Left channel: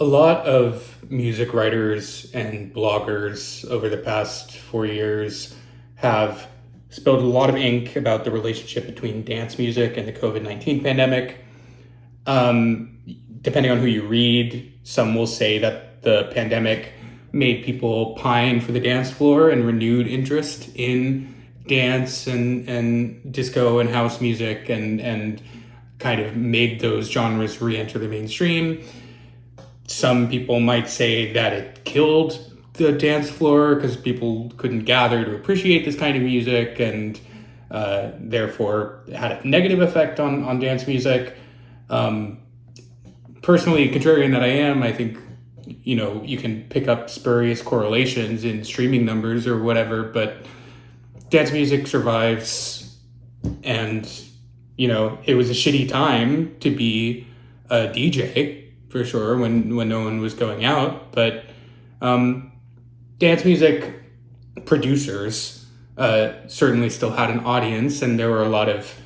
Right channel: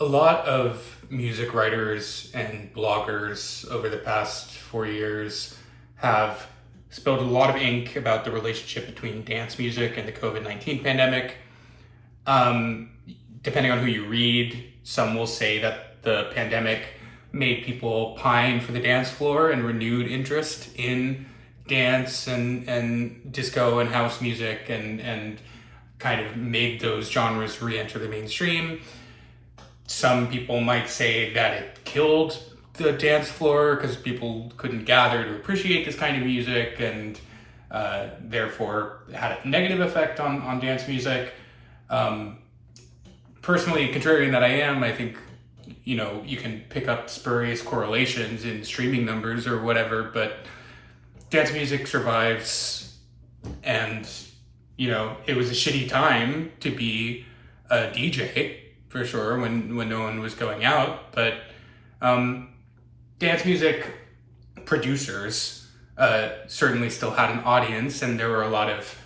A lot of music writers and bloggers over the past 4 years have spilled a lot of ink about the relationship between dance music and the COVID-19 pandemic. Um, Depending on who you read, some will say that the pandemic made people pine for the dance floor and renewed interest in dance and disco and house music and kind of made those genres re-enter the mainstream. Some people might say that it killed the dance floor because people couldn't gather to appreciate this kind of music and therefore had a negative effect on dance music. Um, Personally, contrarian that I am, I think, you can pick up spurious correlations in streaming numbers or whatever, but dance music survives. And, it was a shitty time to be a DJ for sure when no one was going out. But dance music producers certainly still had an audience, and there were a lot of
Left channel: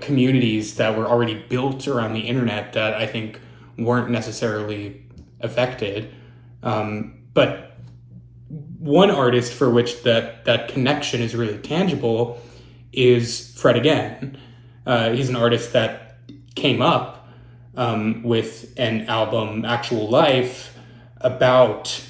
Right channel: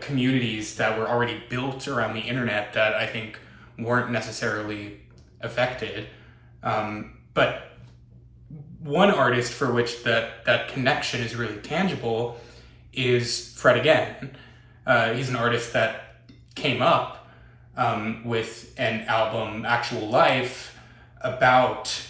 communities that were already built around the internet that I think weren't necessarily affected. But one artist for which that connection is really tangible is Fred Again. He's an artist that came up with an album, Actual Life, about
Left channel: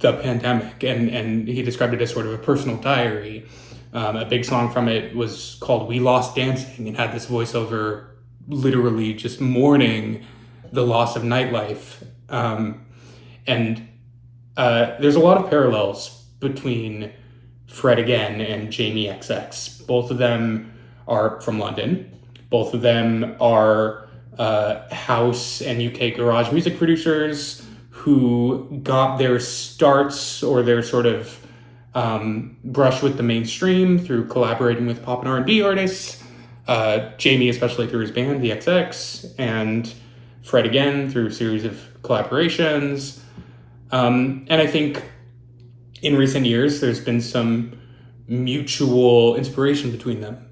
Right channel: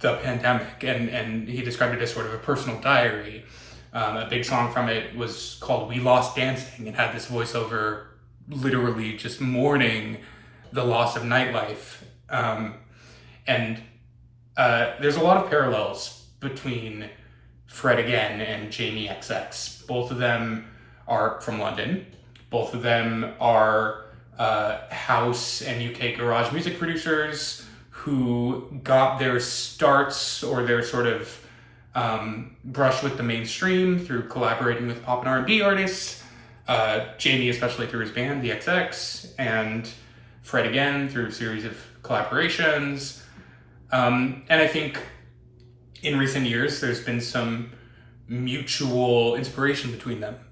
the pandemic, and he described it as sort of a personal diary. A big song from it was called We Lost Dancing and had this voiceover literally just mourning the loss of nightlife. And there's a lot of parallels between Fred Again and Jamie XX. Both of them are from London. Both of them are house and UK garage music producers who got their starts or their sort of brush with the mainstream through collaborating with pop and R&B artists. Jamie, especially through his band, the XX, and Fred Again through a series of collaborations. And I think in recent years, there's been some mutual inspiration between them.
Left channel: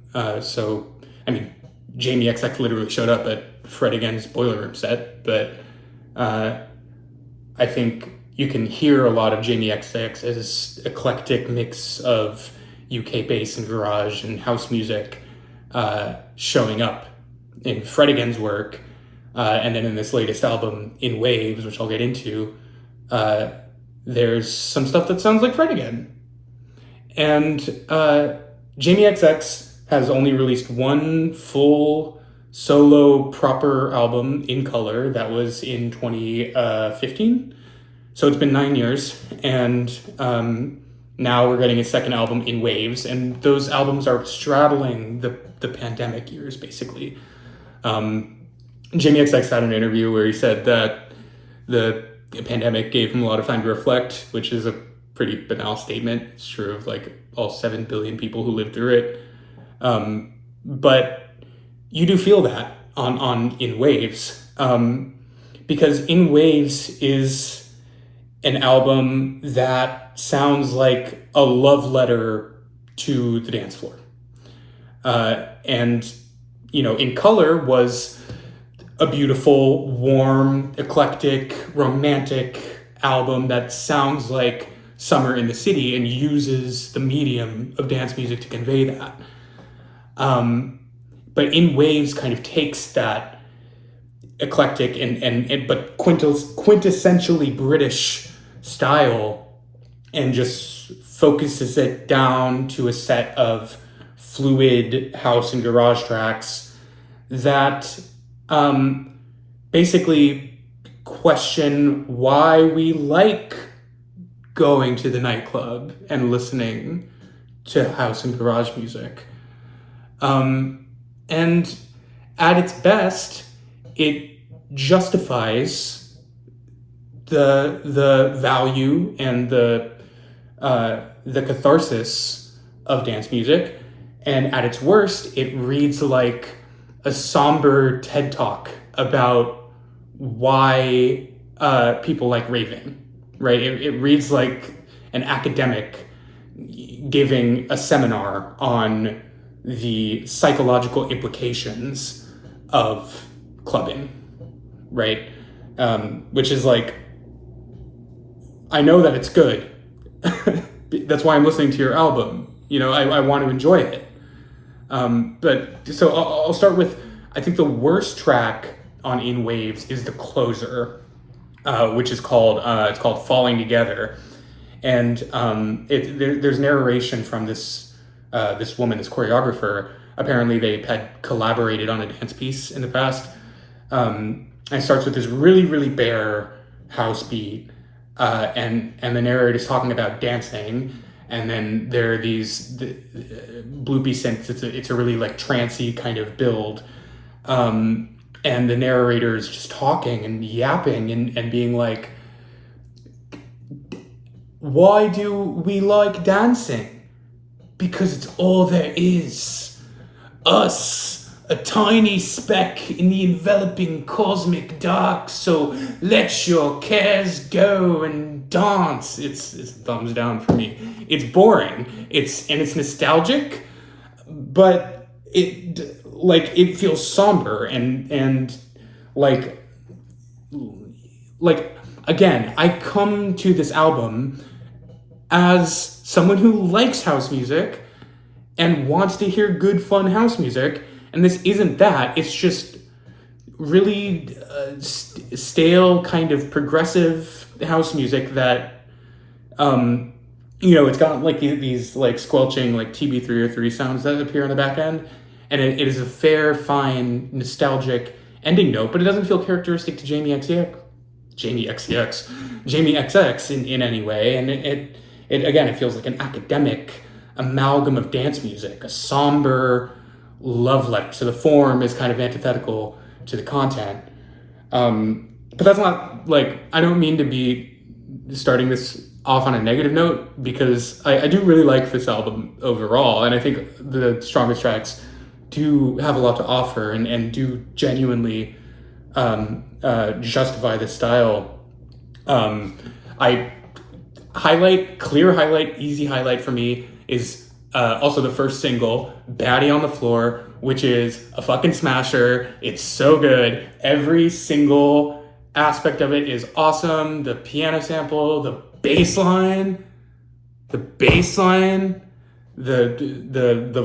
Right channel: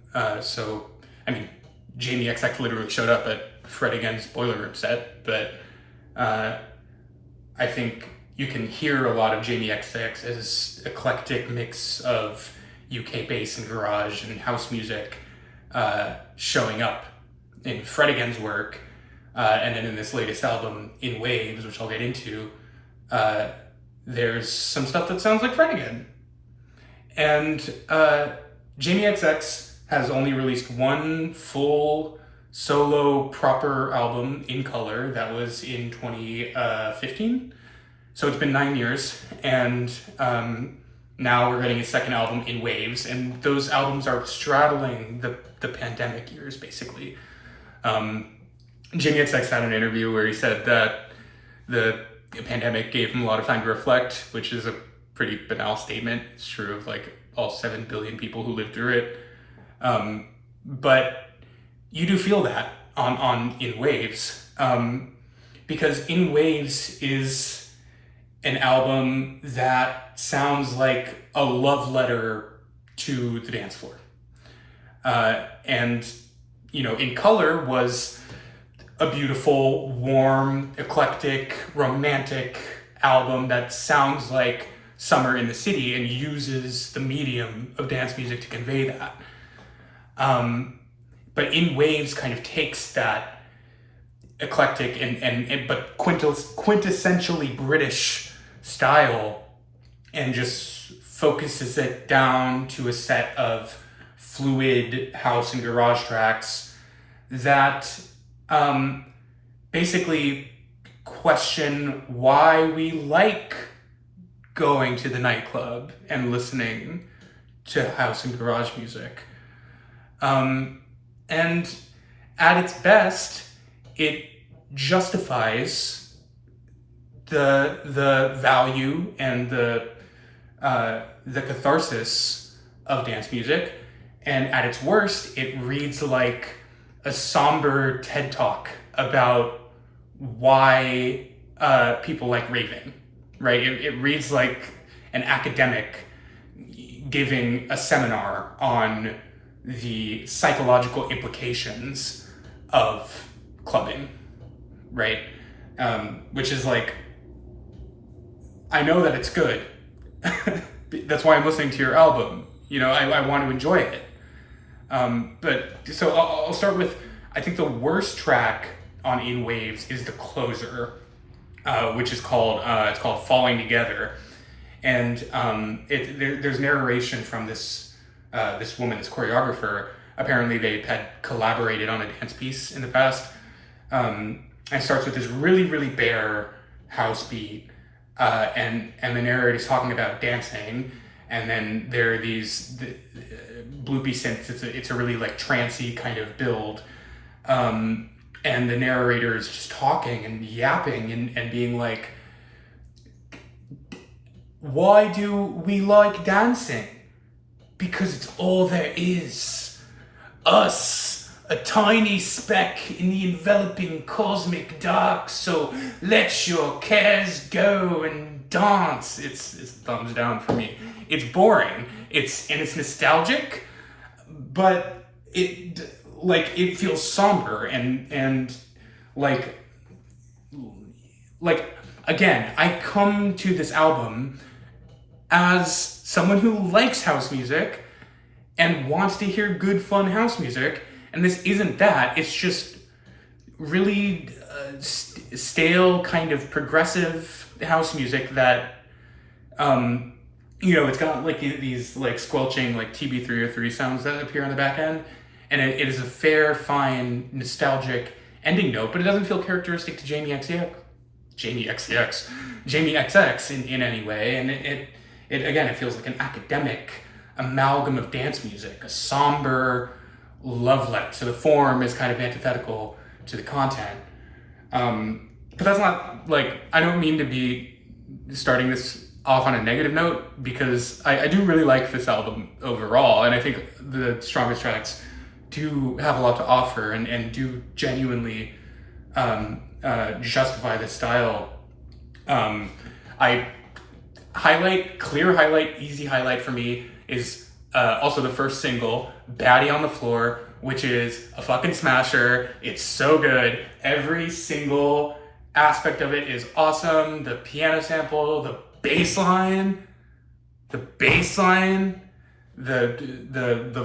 Jamie XX literally showed up at Fred Again's Boiler Room set, but I think you can hear a lot of Jamie XX as eclectic mix of UK bass and garage and house music showing up in Fred Again's work. And then in this latest album, In Waves, which I'll get into, there's some stuff that sounds like Fred Again. And Jamie XX has only released one full solo proper album in color that was in 2015. So it's been 9 years, and now we're getting a second album, In Waves, and those albums are straddling the pandemic years, basically. Jamie XX had an interview where he said that the pandemic gave him a lot of time to reflect, which is a pretty banal statement. It's true of like all 7 billion people who lived through it. But you do feel that on In Waves, because In Waves is an album that sounds like a love letter to the dance floor. And In Color was a beautiful, warm, eclectic, romantic album that sounds like summer in the city and uses the medium of dance music to convey that. But In Waves kind of takes that eclectic but quintessentially British style and just focuses it down to a set of fluid house and garage tracks that basically question why we like going to the nightclub and listening to house and garage music. And at its best, it justifies the value and the catharsis of dance music, and at its worst, it reads like a somber TED Talk about why people like raving, right? It reads like an academic giving a seminar on the psychological implications of clubbing, right? which is like, I know that it's good. That's why I'm listening to your album. You know, I want to enjoy it. But so I'll start with, I think the worst track on In Waves is the closer, which is called it's called Falling Together, and there's narration from this woman, this choreographer. Apparently, they had collaborated on a dance piece in the past. And it starts with this really, really bare house beat, and the narrator's talking about dancing, and then there are these bloopy synths. It's a really like trancey kind of build, and the narrator is just talking and yapping and being like, "Why do we like dancing? Because it's all there is. Us, a tiny speck in the enveloping cosmic dark, so let your cares go and dance." It's thumbs down for me. It's boring. It's nostalgic, but it feels somber and like again, I come to this album as someone who likes house music and wants to hear good, fun house music, and this isn't that. It's just really stale, kind of progressive house music that, it's got like these like squelching like TB303 sounds that appear on the back end, and it is a fair, fine, nostalgic ending note, but it doesn't feel characteristic to Jamie XX in any way, and it again, it feels like an academic amalgam of dance music, a somber love letter. So the form is kind of antithetical to the content. But that's not like, I don't mean to be starting this off on a negative note, because I do really like this album overall, and I think the strongest tracks do have a lot to offer and do genuinely justify this style. Clear highlight, easy highlight for me is also the first single, Baddie on the Floor, which is a fucking smasher. It's so good. Every single aspect of it is awesome. The piano sample, the bass line, the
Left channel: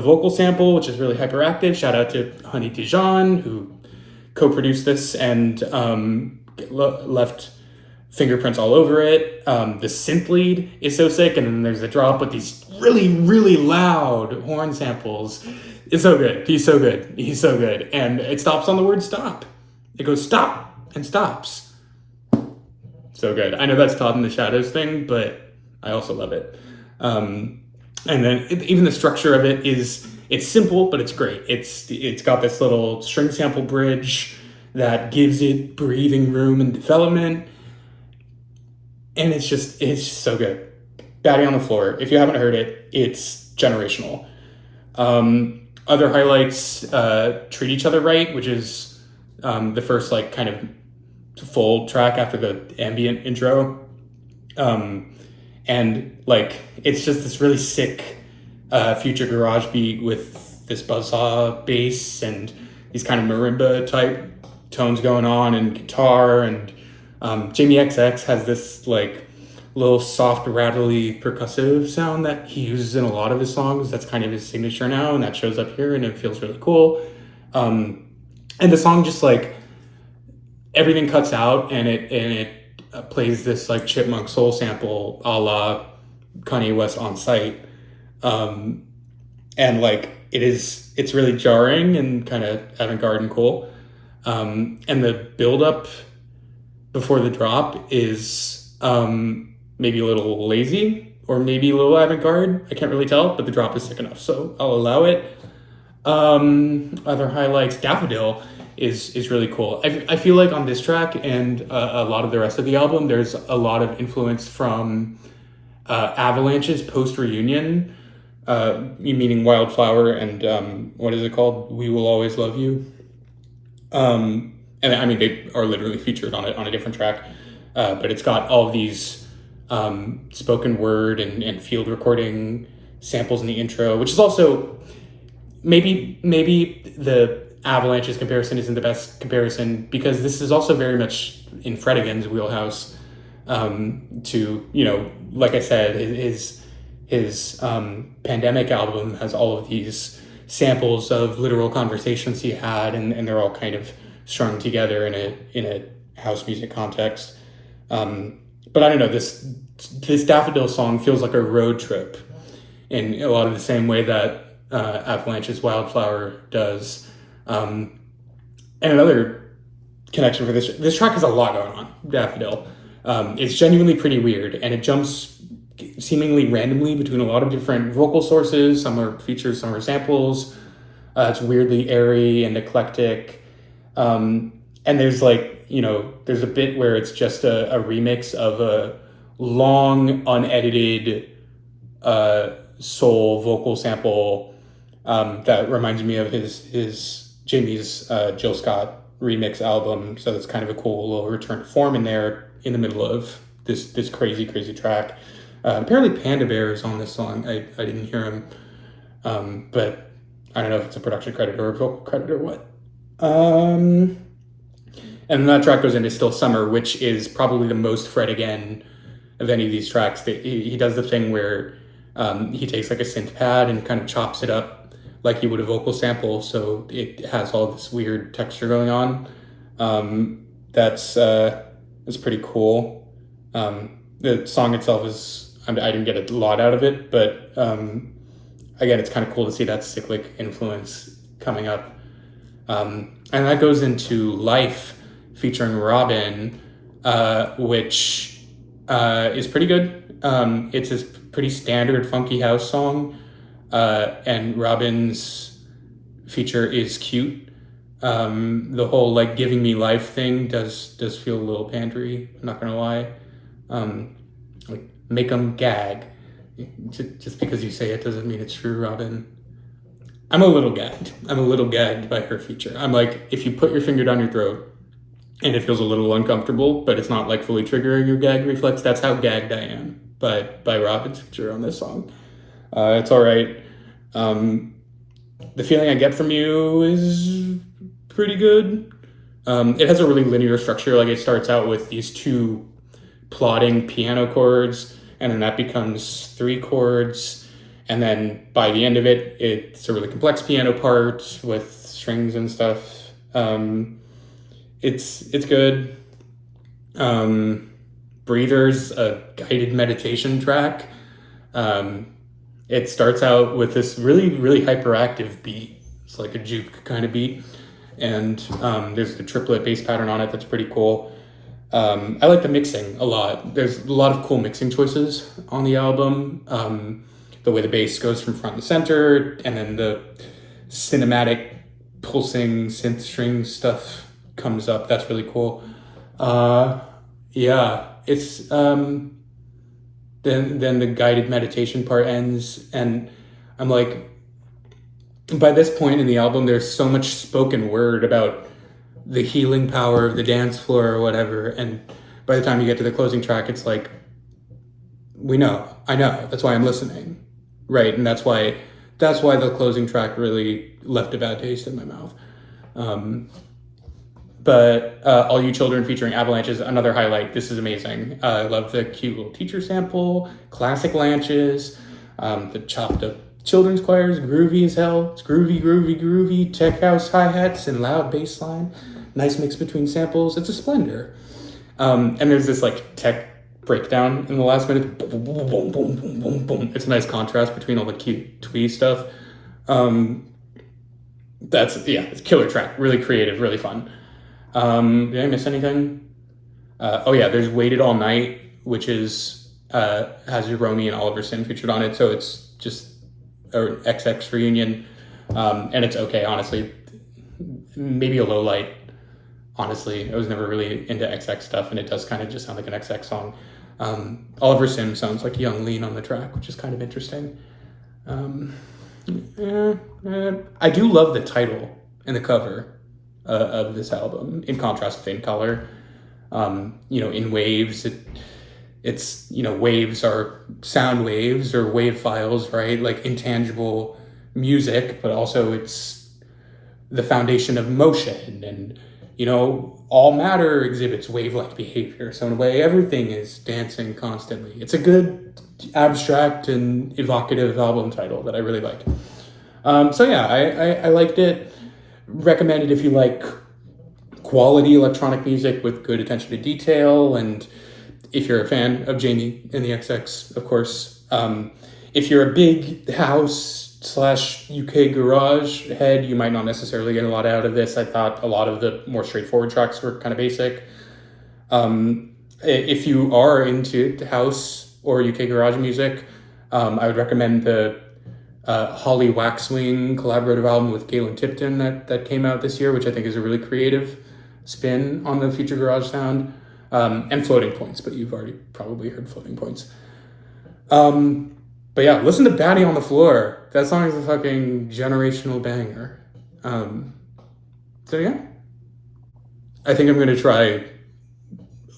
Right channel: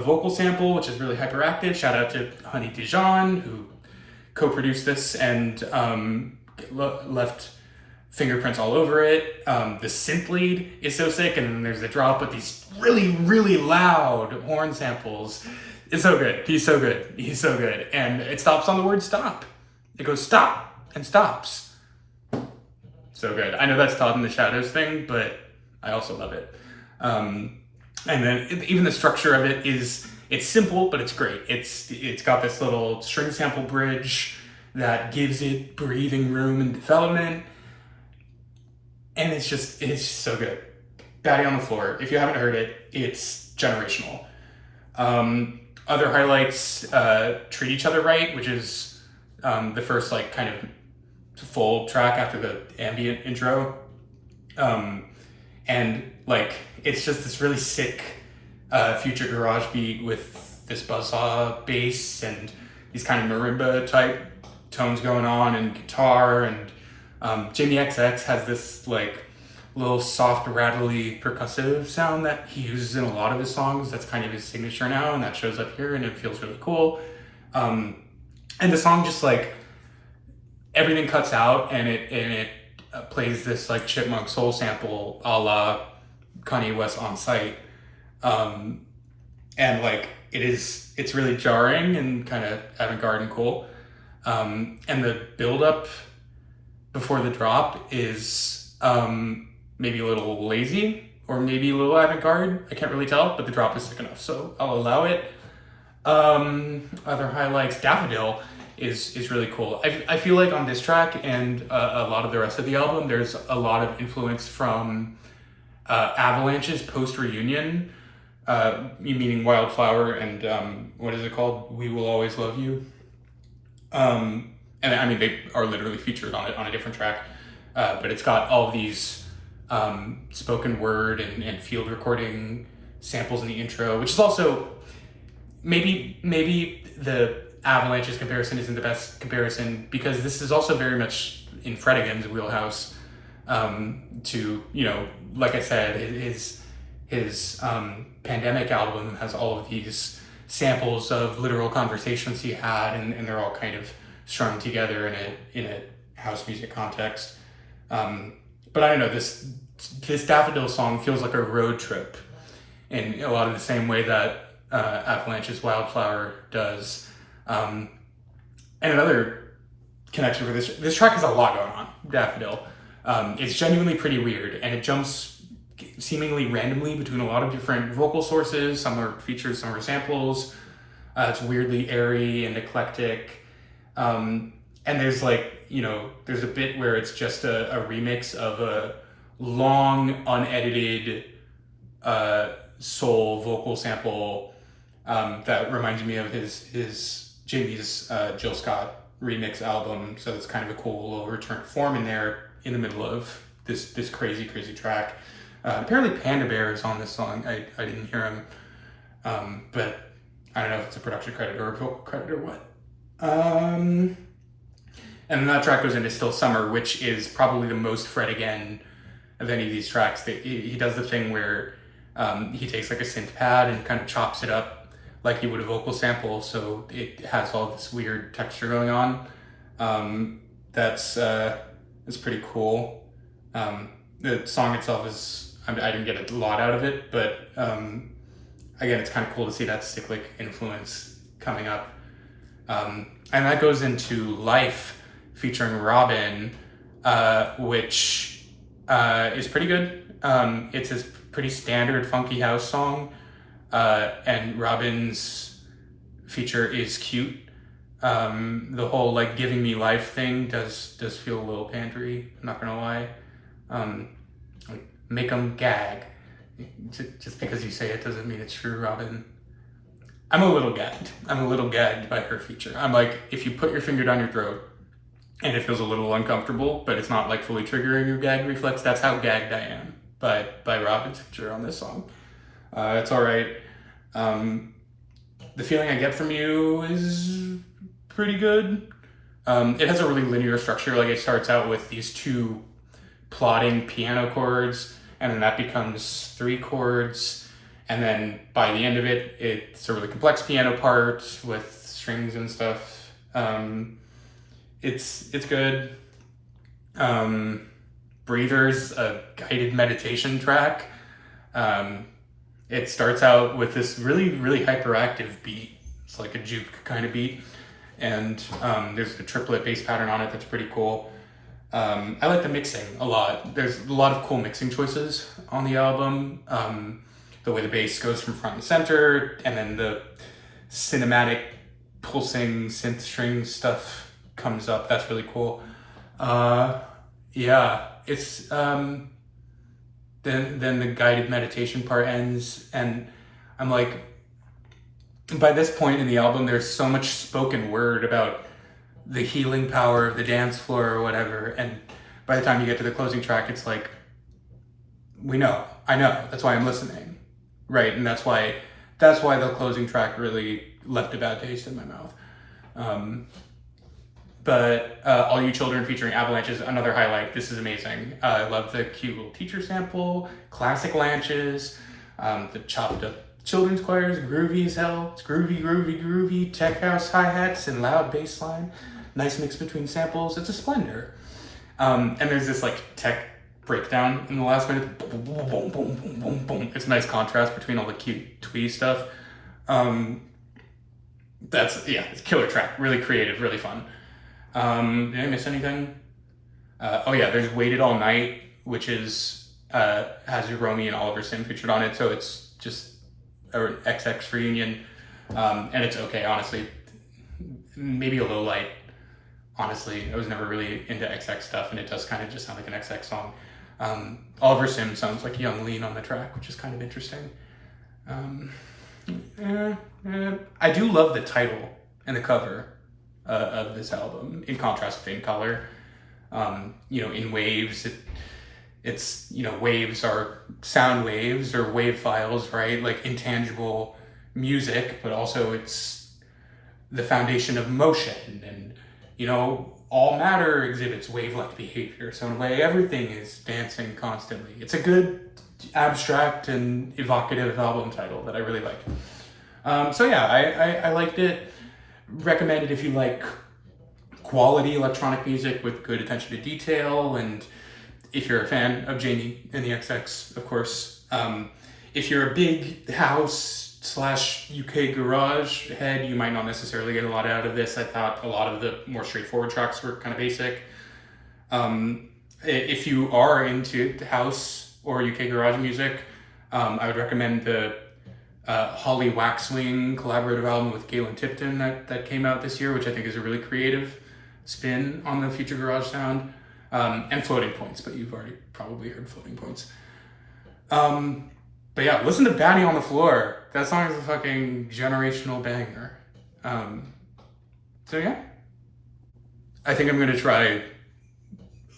vocal sample, which is really hyperactive. Shout out to Honey Dijon, who co-produced this and left fingerprints all over it. The synth lead is so sick, and then there's a drop with these really, really loud horn samples. It's so good. He's so good. And it stops on the word stop. It goes stop and stops. So good. I know that's Todd in the Shadows thing, but I also love it. And then even the structure of it it's simple, but it's great. It's got this little string sample bridge that gives it breathing room and development. And it's just so good. Baddie on the Floor. If you haven't heard it, it's generational. Other highlights, Treat Each Other Right, which is the first like kind of full track after the ambient intro. And like, it's just this really sick future garage beat with this buzzsaw bass and these kind of marimba type tones going on and guitar, and Jamie XX has this like little soft rattly percussive sound that he uses in a lot of his songs. That's kind of his signature now, and that shows up here, and it feels really cool. And the song just like, everything cuts out and it plays this like chipmunk soul sample a la Kanye West On Sight. And like it's really jarring and kind of avant-garde and cool. And the build-up before the drop is maybe a little lazy or maybe a little avant-garde. I can't really tell, but the drop is sick enough, so I'll allow it. Other highlights, Daffodil is really cool. I feel like on this track and a lot of the rest of the album, there's a lot of influence from Avalanche's post-reunion, meaning Wildflower and what is it called? We Will Always Love You. And I mean, they are literally featured on it on a different track, but it's got all these spoken word and field recording samples in the intro, which is also maybe the Avalanche's comparison isn't the best comparison, because this is also very much in Fred again's wheelhouse. To, you know, like I said, his Pandemic album has all of these samples of literal conversations he had, and they're all kind of strung together in a house music context. But I don't know, this Daffodil song feels like a road trip in a lot of the same way that Avalanche's Wildflower does. And another connection for this track has a lot going on, Daffodil. It's genuinely pretty weird, and it jumps seemingly randomly between a lot of different vocal sources. Some are features, some are samples. It's weirdly airy and eclectic. And there's like, you know, there's a bit where it's just a remix of a long, unedited soul vocal sample that reminds me of his Jamie's Jill Scott remix album. So it's kind of a cool little return to form in there in the middle of this crazy track. Apparently Panda Bear is on this song. I didn't hear him, but I don't know if it's a production credit or a vocal credit or what. And then that track goes into Still Summer, which is probably the most Fred again of any of these tracks. He does the thing where he takes like a synth pad and kind of chops it up like he would a vocal sample, so it has all this weird texture going on. That's pretty cool. The song itself is, I didn't get a lot out of it, but again, it's kind of cool to see that cyclic influence coming up. And that goes into Life featuring Robin, which is pretty good. It's this pretty standard funky house song, and Robin's feature is cute. The whole like giving me life thing does feel a little pandery, I'm not gonna lie. Like make them gag. Just because you say it doesn't mean it's true, Robin. I'm a little gagged by her feature. I'm like, if you put your finger down your throat and it feels a little uncomfortable, but it's not like fully triggering your gag reflex, that's how gagged I am by Robin's feature on this song. It's all right. The feeling I get from you is pretty good. It has a really linear structure. Like it starts out with these two plodding piano chords, and then that becomes three chords, and then by the end of it, it's a really complex piano part with strings and stuff. It's good. Breathers, a guided meditation track. It starts out with this really hyperactive beat. It's like a juke kind of beat, and there's a triplet bass pattern on it that's pretty cool. I like the mixing a lot. There's a lot of cool mixing choices on the album. The way the bass goes from front to center, and then the cinematic pulsing synth string stuff comes up. That's really cool. Yeah, it's then the guided meditation part ends, and I'm like, by this point in the album, there's so much spoken word about the healing power of the dance floor or whatever, and by the time you get to the closing track, it's like, I know, that's why I'm listening, right? And that's why the closing track really left a bad taste in my mouth. But All You Children featuring Avalanche is another highlight. This is amazing. I love the cute little teacher sample, classic Lanches, the chopped up children's choirs, groovy as hell. It's groovy, tech house hi-hats and loud bass line. Nice mix between samples. It's a splendor. And there's this like tech breakdown in the last minute. Boom, boom, boom, boom, boom, boom, boom. It's a nice contrast between all the cute twee stuff. It's a killer track. Really creative, really fun. Did I miss anything? There's Waited All Night, which is has Romy and Oliver Sim featured on it, so it's just an XX reunion, and it's okay, honestly. Maybe a low light, honestly. I was never really into XX stuff, and it does kind of just sound like an XX song. Oliver Sim sounds like Young Lean on the track, which is kind of interesting. I do love the title and the cover of this album, in contrast to In Color. In Waves, it's waves are sound waves or wave files, right? Like intangible music, but also it's the foundation of motion, and all matter exhibits wave-like behavior. So in a way, everything is dancing constantly. It's a good, abstract, and evocative album title that I really like. So yeah, I liked it. Recommend it if you like quality electronic music with good attention to detail, and if you're a fan of Jamie and the XX, of course. If you're a big house/UK garage head, you might not necessarily get a lot out of this. I thought a lot of the more straightforward tracks were kind of basic. If you are into house or UK garage music, I would recommend the Holly Waxwing collaborative album with Galen Tipton that came out this year, which I think is a really creative spin on the future garage sound. And Floating Points, but you've already probably heard Floating Points. But yeah, listen to Batty on the Floor. That song is a fucking generational banger. So yeah, I think I'm going to try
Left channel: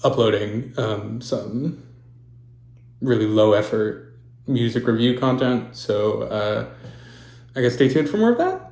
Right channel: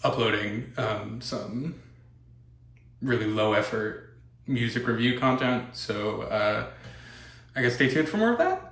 uploading some really low effort music review content. So I guess stay tuned for more of that.